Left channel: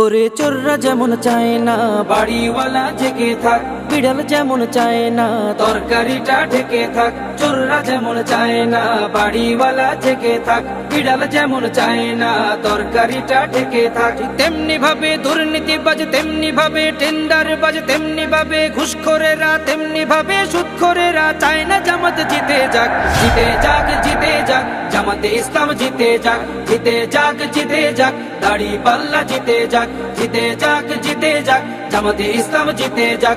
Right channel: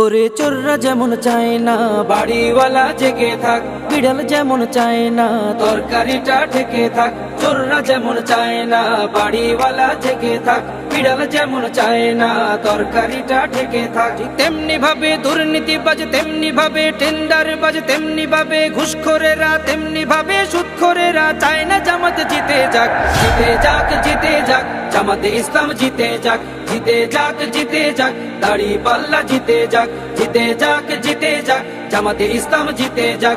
ওরে চোররা যেমন চায় না বাড়িওয়ালা জেগে থাক বিড়াল যেমন চায় না তরকারিটা থেকে থাক চোররা যেমন চায় না বাড়িওয়ালা থেকে থাক বিড়াল যেমন চায় না তরকারিটা থেকে থাক তেমনি ভাবে দুর্নীতি বাজ তেমনি ভাবে টেন্ডার বাজ তেমনি ভাবে ঘুষখোরেরা তেমনি ভাবে সুৎখোরেরা চায় না জামাত জিতে যাক জিতে যাক জিতে যাক জামাতে ইসলাম জিতে যাক জিতে যাক জিতে যাক দাড়ি পাল্লা জিতে যাক জিতে যাক জিতে যাক জামাতে ইসলাম জিতে যাক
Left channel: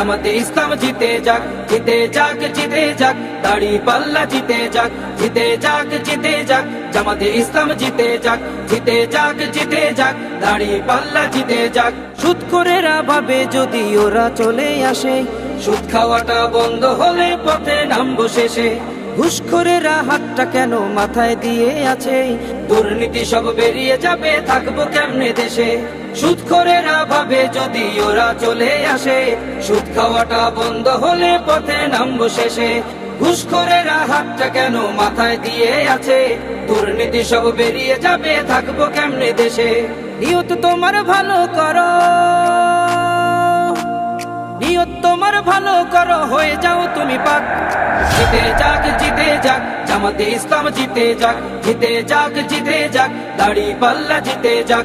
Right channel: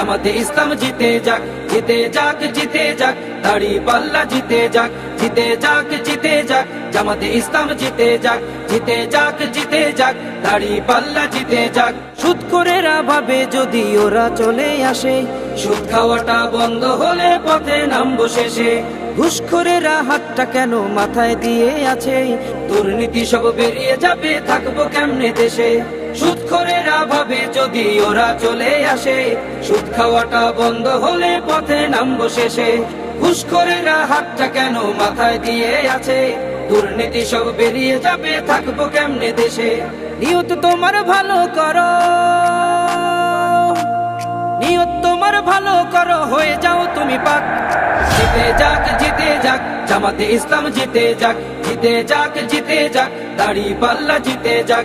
জামাতে ইসলাম জিতে যাক জিতে যাক জিতে যাক দাড়ি পাল্লা জিতে যাক জিতে যাক জিতে যাক জামাতে ইসলাম জিতে যাক জিতে যাক জিতে যাক দাড়ি পাল্লা জিতে যাক সুদ করে ভাবে যদি ওরা চলে আসে সুদ খাওয়াটা বন্ধ হলে পথে নামবো শেষে ঘুষ করে হাতটা কেন মাথায় দিয়ে আছে দুর্নীতি সব বেরিয়ে যাবে থাকবো কেমনে দেশে সুদ করে না ভাবে যদি ওরা চলে আসে সুদ খাওয়াটা বন্ধ হলে পথে শেষে ঘুষ করে না হাতটা কেন মাথায় দিয়ে আছে দুর্নীতি সব বেরিয়ে যাবে থাকবো কেমনে দেশে নিয়ত তোমার ভালো করো নিয়ত তোমার ভালো করো হয়ে যাও তুমি পাক জিতে যাক জিতে যাক জামাতে ইসলাম জিতে যাক জিতে যাক জিতে যাক দাড়ি পাল্লা জিতে যাক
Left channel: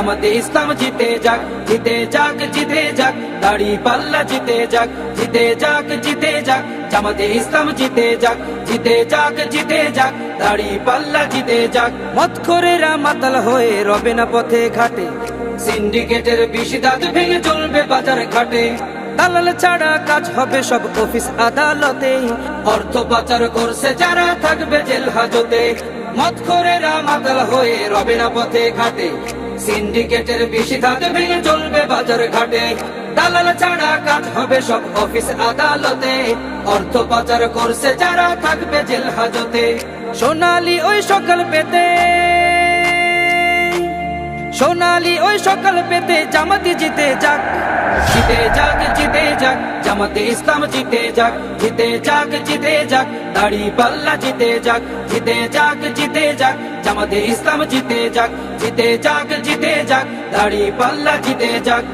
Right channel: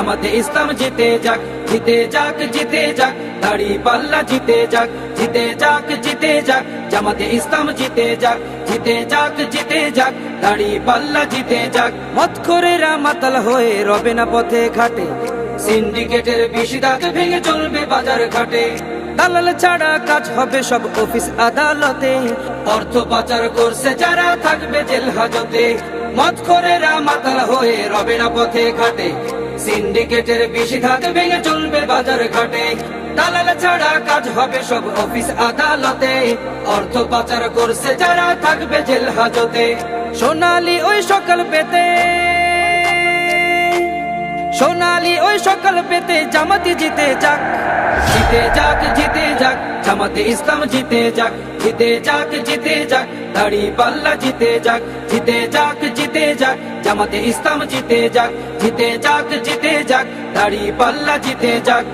জামাতে ইসলাম জিতে যাক জিতে যাক জিতে যাক দাড়ি পাল্লা জিতে যাক জিতে যাক জিতে যাক জামাতে ইসলাম জিতে যাক জিতে যাক জিতে যাক দাড়ি পাল্লা জিতে যাক মত করে রামাতাল হয়ে রবে না পথে ঘাটে সিন্ডিকেটের বেশি দাঁত ভেঙে চলবে বাজার ঘাটে দালাল ছাড়া কাজ হবে সব অফিস আদালতে অর্থ পাচার করছে যারা থাকবে জেল হাজতে মত করেরা মাতাল হয়ে রবে না পথে ঘাটে সিন্ডিকেটের বেশি ধাত ভেঙে চলবে বাজার ঘাটে দালাল ছাড়া কাজ হবে সব অফিস আদালতে অর্থ পাচার করছে যারা থাকবে জেল হাজতে সোনালি ওই সকাল পেতে সোনালি ওই সকাল পেতে জামাতি জিতে যাক জিতে যাক জিতে যাক জামাতি ইসলাম জিতে যাক জিতে যাক জিতে যাক দাড়ি পাল্লা জিতে যাক জিতে যাক জিতে যাক জামাতি ইসলাম জিতে যাক জিতে যাক জিতে যাক দাড়ি পাল্লা জিতে যাক